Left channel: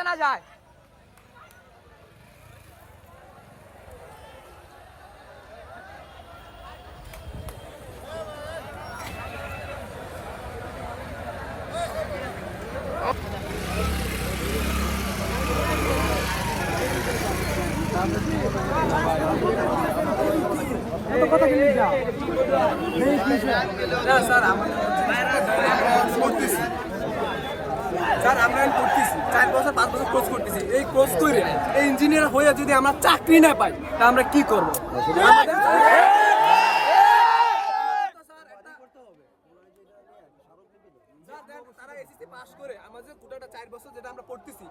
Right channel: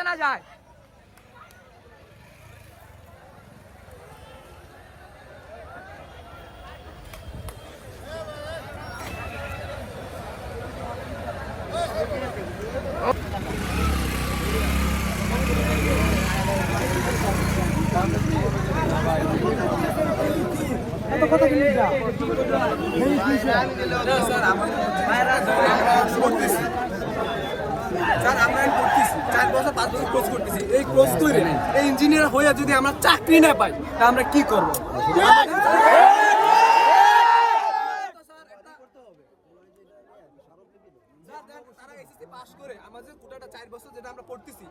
যাতে না যায়। কথা কি লিখা নেই কি স্যার আমরা পড়তেছি 4 বছর 5 বছর কোর্স করতেছি। এই কোর্স করে এই ইঞ্জিনিয়ার হয়ে যদি আমরা চাকরি না পাই তা আমরা কি করব? আমাদের তারা এসএসসি পাস করে আমাদের গোটাটা 4 বছর যেটা আমরা পড়তেছি